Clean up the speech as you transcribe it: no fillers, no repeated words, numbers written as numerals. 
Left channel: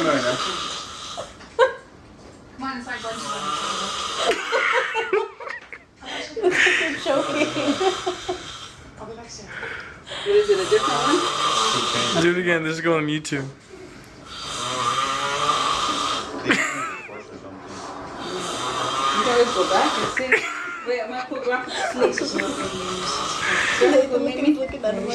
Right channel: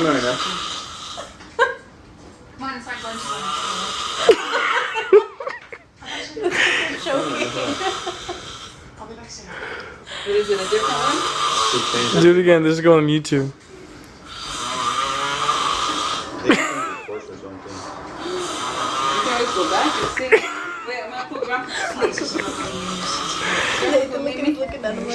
familiar. Mine is like bunch of I'll be back soon. Is it a different one? Do it again. This is going on YouTube. You guys go back and see. Wait, I'm gonna put graphics to sleep. Looking at him like